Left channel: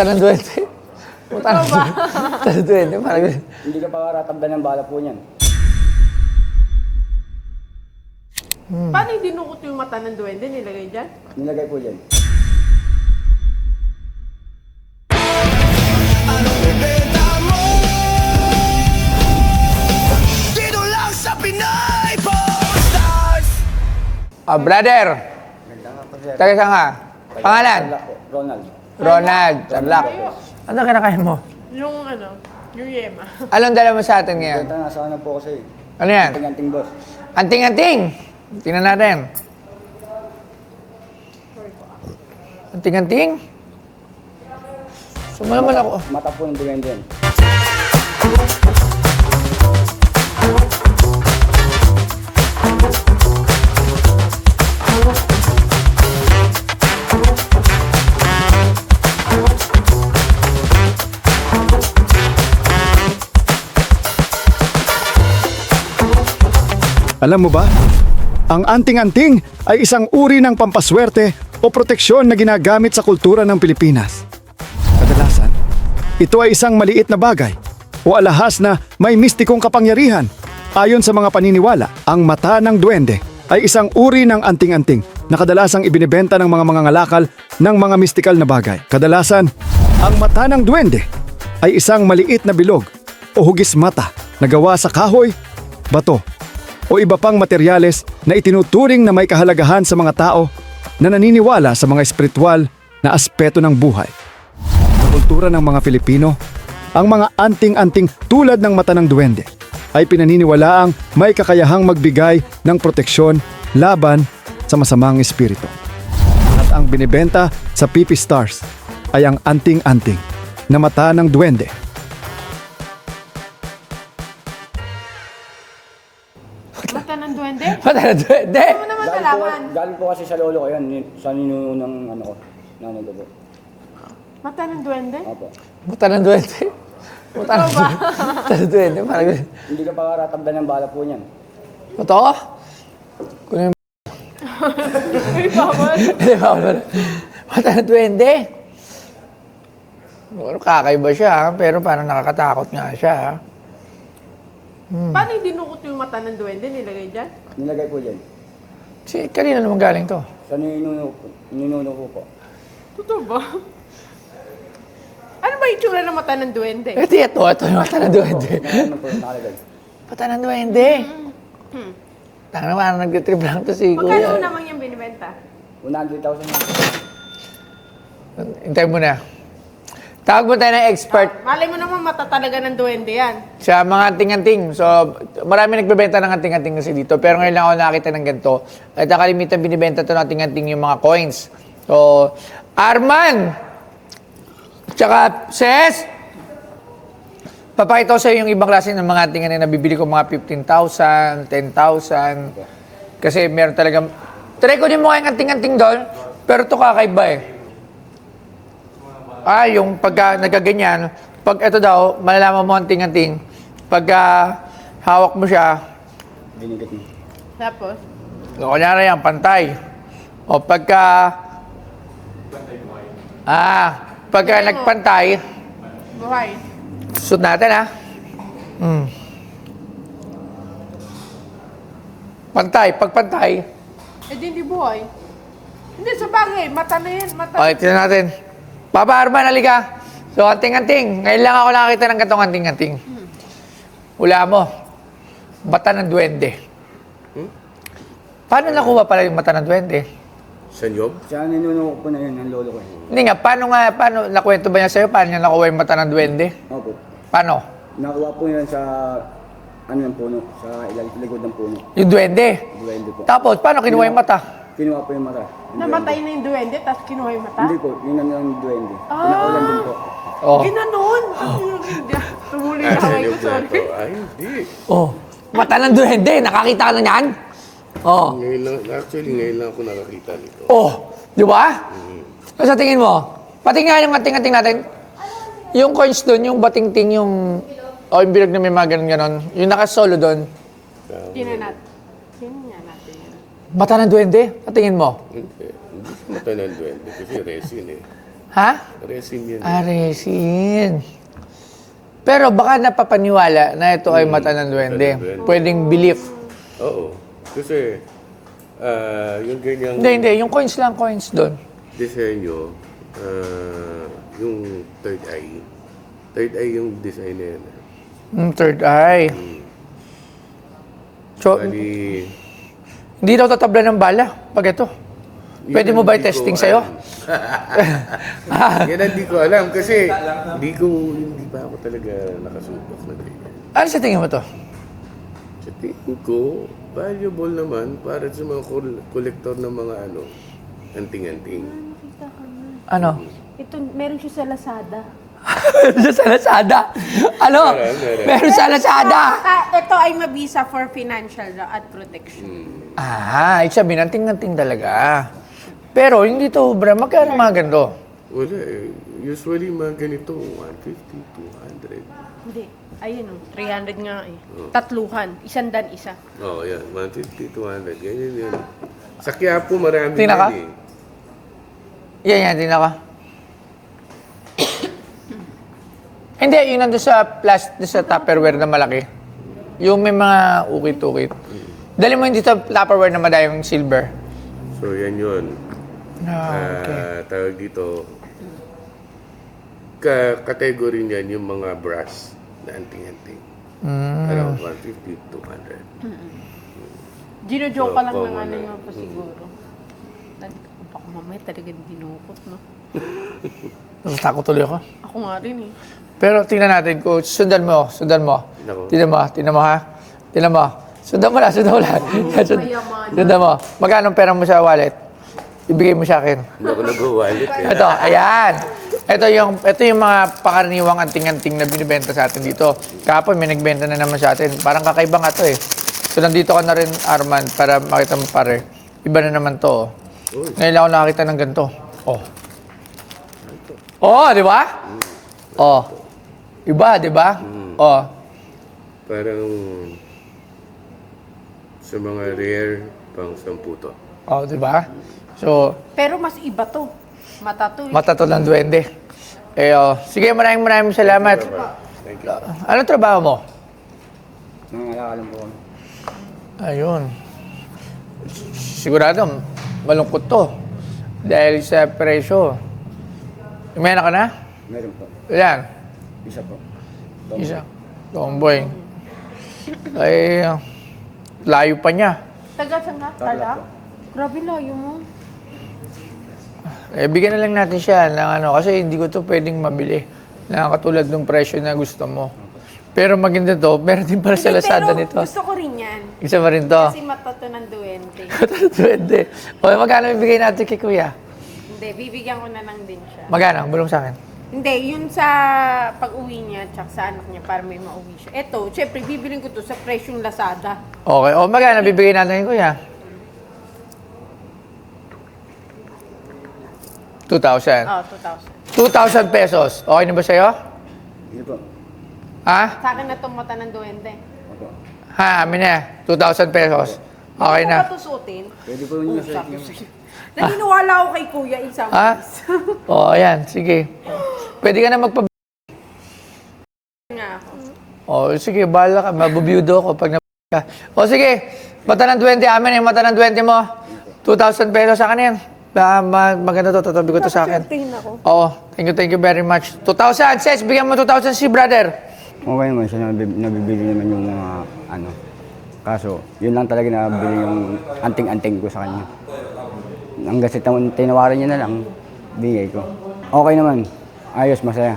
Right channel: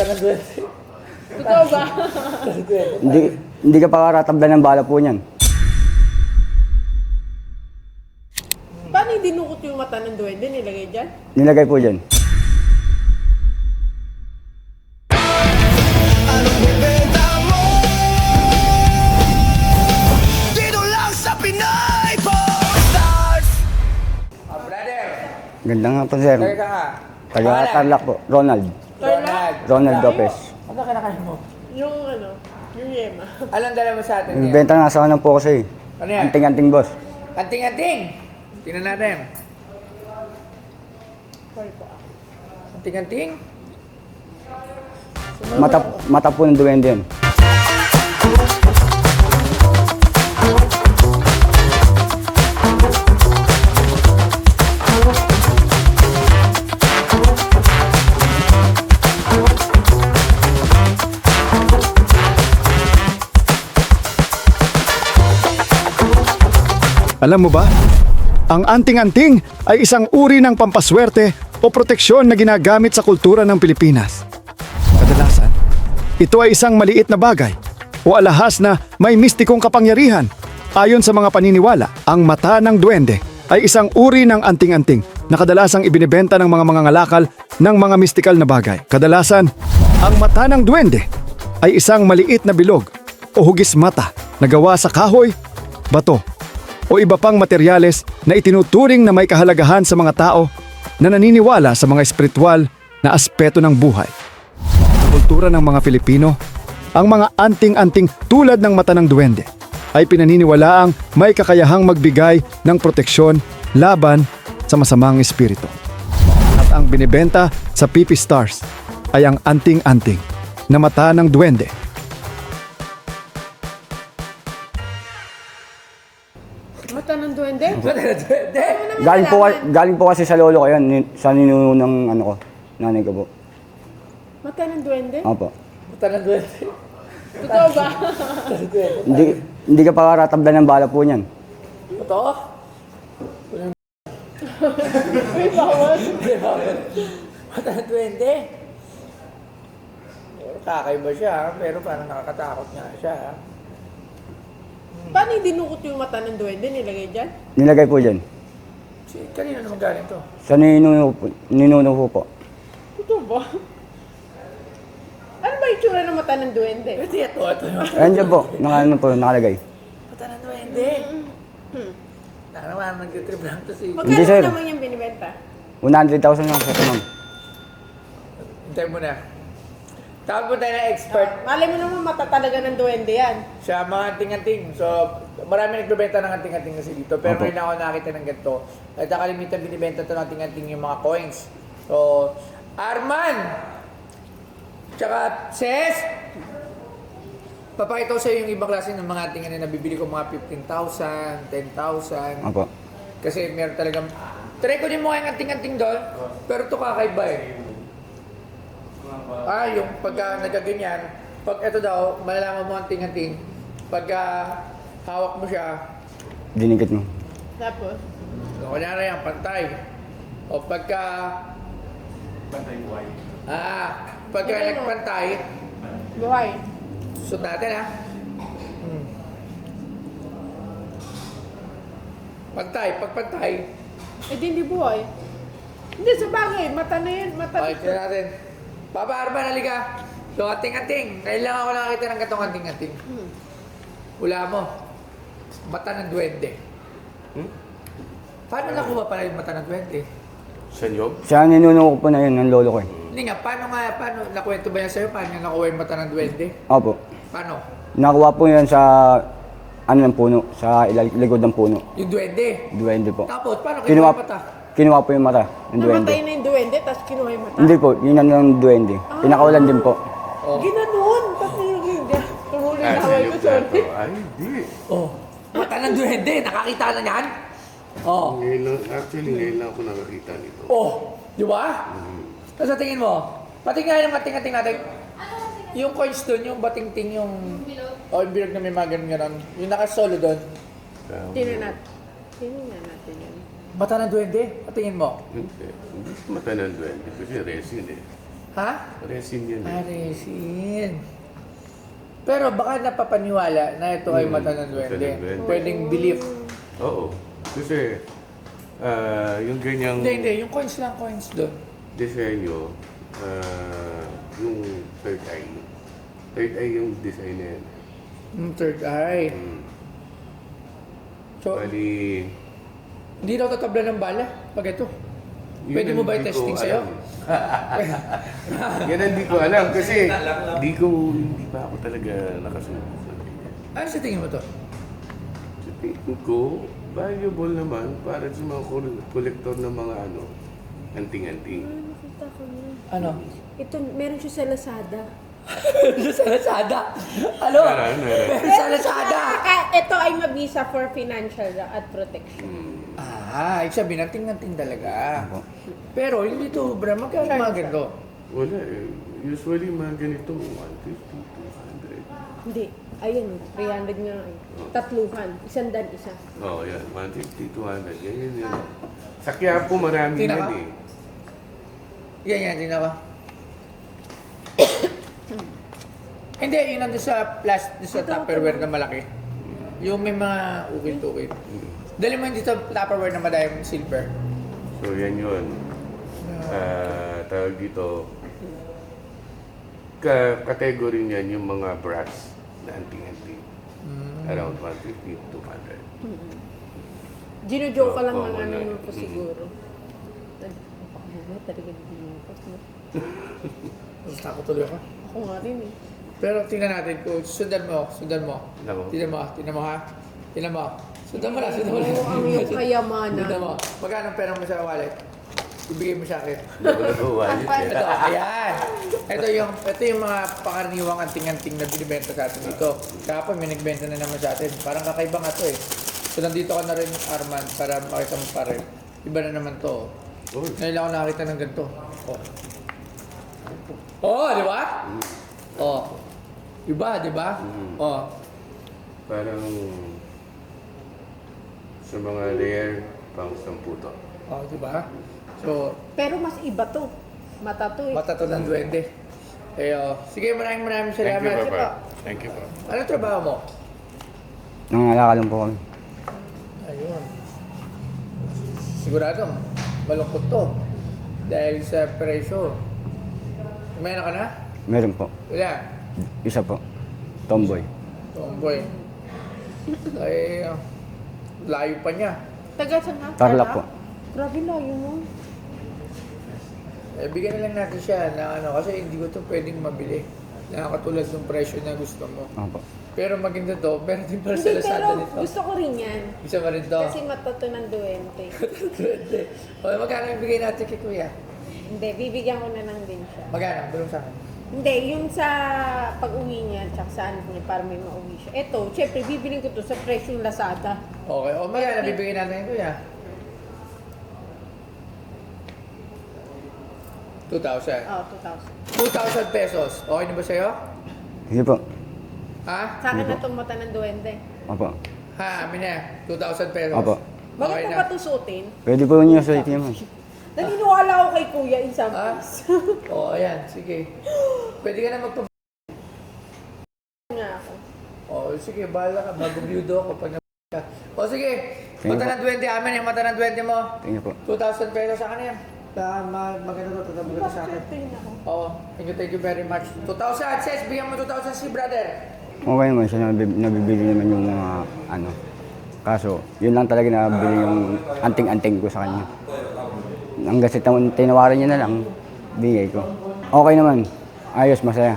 Mata ng duwende. Mata ng duwende. Hindi ka pakaratablan ng bala po niyan. Paano yung dinukot yung mata ng duwende? Nilagay dyan? Nilagay po dyan. Anong ibenta mo? Dito lang sa Pinay Stars. Brother, Ganda nga po, sir. taga saan ka? Pangalan? Tarlac po. Ronald. Ronald. Ronald Tarlac. Lopez. Anong kinakain mo? Yung yung yema. Anong dala mo sa atin ngayon? Benta nga sa kanang po kasi. Ano yan? Anting-anting boss. Anting-anting. Tingnan natin. Anting-anting. Sumaman ako. Mata po ng duwende yan. Alam mo ba? Ang anting-anting ay isang uri ng pampaswerte o proteksyon na ginagamit sa kultura ng Pilipinas. Kadalasan, ito ay isang maliit na bagay o alahas na may mistikong kapangyarihan. Ayon sa mga paniniwala, ang mata ng duwende ay isang uri ng anting-anting na kadalasang ibinebenta ng mga mangangalakal ng mga mistikal na bagay. Kadalasan, ang mata ng duwende ay isang maliit na bilog o hugis mata na gawa sa kahoy, bato, o iba pang materyales na itinuturing na may kahalagahan sa mga tao na naniniwala sa mga espiritual na aspeto ng buhay. Sa kultura ng mga Filipino, ang mga anting-anting tulad ng mata ng duwende ay pinaniniwalaang may kakayahang magbigay ng proteksyon laban sa masamang espiritu. At ang binibenta sa PP Stars ay ang anting-anting na mata ng duwende. Mata ng duwende? Mata ng duwende. Ano naman nalaman? Galing po kasi sa lolo ko yan. Sa ninuno ng ano ko. Nanay ko po. Mata ng duwende? Opo. Mata ng duwende. Totoo ba? Mata ng duwende. Hindi ka pakaratablan ng bala po niyan. Totoo? Mata ng duwende. Kakaiba siya, pero parang nakakatakot nga siya. Paano yung dinukot yung mata ng duwende? Nilagay dyan? Nilagay po dyan. Kanina naman galing to? Sa ninuno ko po. Totoo ba? Ano ba yung tsura ng mata ng duwende? Ito yung mata ng Hindi po. duwende. Ano po, nakalagay. Mata ng duwende. Tanga naman, nag-trip lang to si Magkano sir. naman yung binibenta? 100,000 lang po. Hintay mo na. Tawag mo tayo ng expert Mali mo naman mata talaga ng duwende yan. sa mga anting-anting. So, marami nagbebenta ng anting-anting kasi dito. Pero ngayon lang ako nakakita ng ganito. At nakalimitan binibenta ito ng anting-anting yung mga coins. So, Arman! Tsaka, Ses! Papakita ko sa iyo yung ibang klase ng mga anting-anting na nabibili ko mga 15,000, 10,000. Opo. Kasi meron talagang... Try ko din mo yung anting-anting doon, pero ito kakaiba eh. Yung pagka nagaganyan, pag ito daw, malalaman mo anting-anting, pagka hawak mo siya, Dinikit mo. Tapos? kunyari yan, pantay. O pagka... pagka nagpantay, Buhay. suot natin Pantay, pag pantay, Eh di hindi buhay. Hindi, sa bagay. Mata na yan. Mata. okay, tignan natin. Papa Arman, halika. So, anting-anting. Ngayon lang ako nakakita ng gatong anting-anting. Hula mo. Mata ng duwende. Paano nakuha pala yung mata ng duwende? Sa Job? Sa ninuno ko po na yun, ng lolo ko eh. Hindi nga, paano nakwento ba niya sa'yo? Paano niya nakuha yung mata ng duwende? Opo. Paano? Nakuha po yan sa ng puno, sa likod ng puno. Yung duwende. Duwende po. Tapos, paano kinuha yung mata? Kinuha po yung mata ng duwende. Namatay na yung duwende, tapos kinuha yung mata. Hindi po, yun ang ng duwende. Pinakawalan din po. Oh. Ginanon. Tumuli na Sa ako. Job na Sorry. to. Ay, hindi. Oh. Mata ng duwende. Nakakita ka na niyan? Oh. Ngayon lang ako nakakita nito. Oh. Di ba? So, sa tingin mo, pati nga yung ating-ating natin, yung coins doon, yung bating-ting, yung... O, yung bilog na may mga ganon-ganon. Yung nakasolo doon, Tingnan natin. Tingnan natin yan. mata ng duwende. Patingin mo. Hindi. Hindi sa mata ng duwende kasi resin eh. Ha? Resin yan. Resin. Pero baka napapaniwala na ito ay mata ng duwende. duwende. Pwedeng belief. Oo. Kasi, yung ganyang Hindi. Yung coins lang, coins doon. disenyo, yung third eye. Third eye yung design na yan. Third eye. So, Bali, hindi daw tatabla ng bala pag ito. Pwede mo ba hindi ko i-testing sa'yo? alam. Yan ang di ko alam kasi hindi pa ako talaga nakasubok sa ganyan. Ano sa tingin mo to? Sa tingin ko, valuable naman para sa mga kolektor ng mga anting-anting. Ano? Ito, meron siya sa Lazada. Meron sa Lazada. Ano? Meron sa Lazada. Ito ay mabisa for financial at protection. Ibig sabihin, anting-anting talaga. Pero hindi to, bra, magkano mga ganito? Wala eh. Usually mga ganito, 150, 200. Hindi. Ayun, 300 nga eh. Tatluhan. 100 isa. Oo, yan. 150, 200. Ganyan yan. Sa Quiapo, marami Tingnan ka? yan eh. Yan, tingnan ka. Hindi, yun nandun sa sa Tupperware na malaki. Yung may mga ukit-ukit. Dali mo hindi sa Tupperware na madayong silver. So, yan yun. Okay. Tawag dito, category niyan yung mga brass na anting-anting. Around 150, 200. Gino-joke ka lang Oo, ng ano wala. nung po siguro. Ako mamaya talaga binukot, no? Natatakot tuloy ako. Ako nga rin eh. Pero tingnan natin, coach. Sundan mo. Nako. Tingnan mo ha. Tingnan mo. Sundan mo lang. Sundan mo. Magkano pera mo sa wallet? Ibigay mo sa akin. Hindi ako nag-wallet eh. Ito, ayan. Ito yung mga pakaraniwang anting-anting na binibenta sa atin dito. Kahapon may nagbenta na naman sa atin. Parang kakaiba nga to eh. So nandito ka na rin, Arman, para makita mo pare. Iba na naman to. Ngayon lang ako nakakita ng ganito. Di ba? Iba, di ba? Parang sa mga rare pang 10 to. Di ba? So, Pero mas iba to. Mata to eh. mata to ng duwende. Sige, maraming salamat. Thank you. Anong trabaho mo? Nangalala lang po kami. Ayun. Sigurado, malungkot to. Dahil sa presyo. May anak ka na? Meron po. Yan. Isa po. Tomboy. Tomboy. Ay, layo pa niya. Taga saan nga? Tarlac po. Grabe layo mo. Bigyan na lang natin siya ng kasi hindi ko to pwedeng mabili. Na katulad ng presyo na gusto mo. Opo. Pero maganda to, meron din para sa Lazada nito. Pero gusto ko rin yan. Isa pa rin to. Kasi mata to ng duwende. Duwende. Magkano ibigay natin kay Kuya? Hindi, bibigyan ko na lang din siya. Magkano? Bulong sa akin. Hindi, yun sa pag-uwi niya, tsaka sa anak niya, para may mauwi siya. Eto, syempre, bibiling ko to sa presyong Lazada. Okay. Magkano bibigay natin kay Kuya? 2,000. 2,000 2,000. pesos. Okay na ba sa'yo? Sige po. Ha? Sa akin na itong mata ng duwende. Opo. Ha, amin na. 2,000 pesos. Opo. Okay Bakit na. mo ba ito suotin? Pwede po niyo sa ATM. Naniniwala ako kay Kuya isang Ha? Ayan. Sige. Pwede ka na magpa... nga. Sige, bahala ka. Mabubiyudo ako pag ka. Sige. Mata ng 20. Amin yung mata ng 20 mo. Sige po. 2,000 pesos sa akin yan. Maganda to. Tatabi ko to sa akin. Thank you very much. 2,000. Ses, bigyan mo 2,000 si brother. Okay naman siya, nabibili naman yung mga Kaso, yun lang talaga nabibili yung anting-anting ko sa kanya. Hanggang sa tinawaran niya na lang, bigay ko. Okay naman. Ayos, masaya.